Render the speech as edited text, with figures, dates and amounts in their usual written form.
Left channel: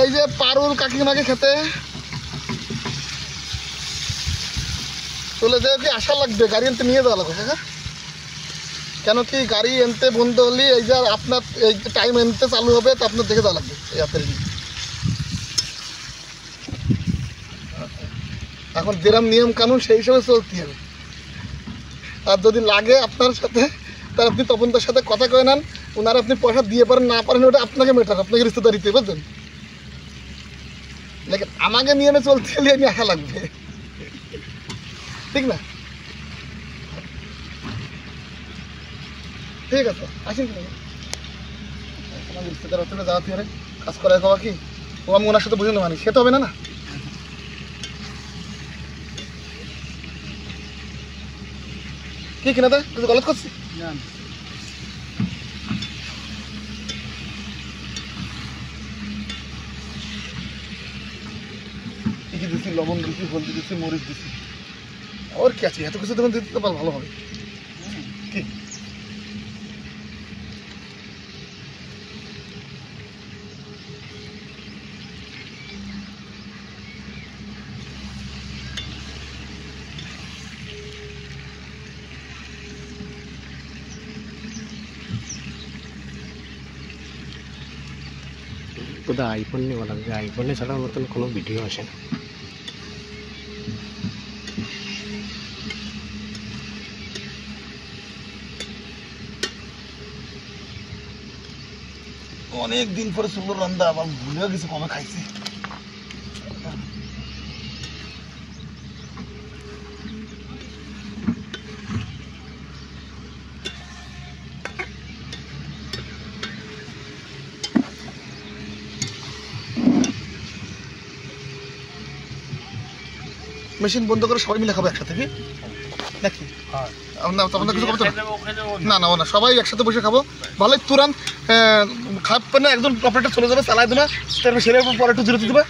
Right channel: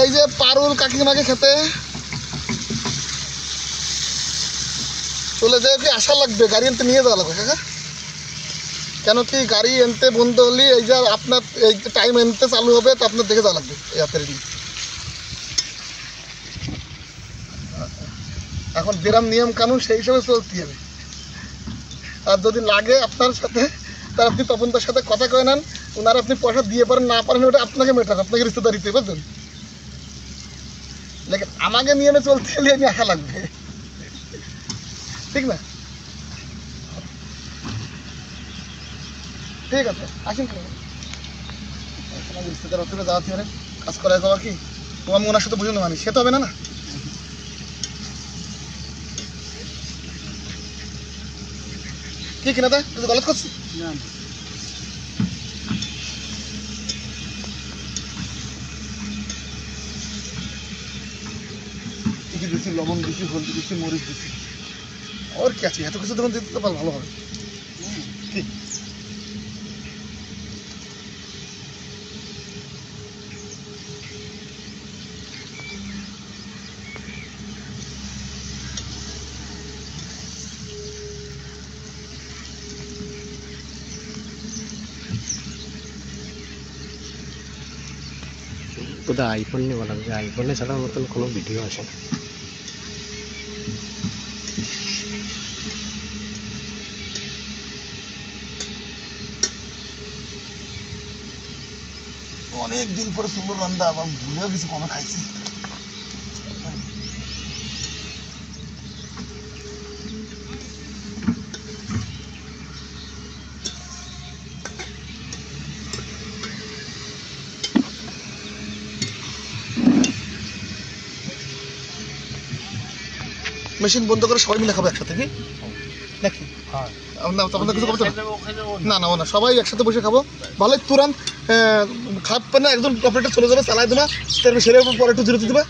এই যে পারুল কাকিমাকে খেতে চলে যায় কি আশা লাগবে, গাড়ি আনতে নিয়ে যাওয়া লাগবে কাকা। কেন কি গাড়ি আনতে বন্ধ হলে এই যে আপনার এই যে টাইম আনতে চালু হবে তো আপনার দেখে যাওয়া লাগবে এই হাতের। এখন যেরকম নিয়ম কানুন সেই হিসাবে চলতে হবে। আর যদি লাগে আপনার সাথে তার আপনি তপন তার সাথে কথা কয়ে নেন, ওনারা আপনি পয়সা দিয়ে পারেন না পারেন ওটা আপনাকে মেটার, আপনাকে রিস্তেদারিতে বুঝলেন। লেকিন আমাকে নিয়মে চলতে গেলে আমি আশা লাগবে, ঠিক না? ঠিক আছে আসেন রিস্তেদার ওখানে যাওয়া থেকে কাজ করা যাওয়া কি তো আমি ওনার সাথে বুঝে নেওয়ানি সে তো হবে না না। কি কিনে দেয় তুই গলত করছিস? কি দিচ্ছি, লবণ দিচ্ছি, হলদি দিচ্ছি, মরিচ দিচ্ছি, ওর কি আছে এত কিছু তখন দিতে পারলে ভালো হবে। কি কোথায় আইফোন নিয়ে বলা যায়, আইফোনে ছাড়ার মতন কোনো ভিডিও আসে না। অনেক দিন পরে সুন্দর রান্না আবার ভুলেও কিছু কমে খাইছি। মেশিন বন্ধ করে সবাই মিলে খাবো একসাথে কি নাকি? কিছু না না না সবাই একসাথে বসে খাবো ভালোই তুরান্ত খাবে না, একজন অপারেটর চলে যাবে চালাই দেবে তারপর সেরে পরে একটু বিরতি দেবে।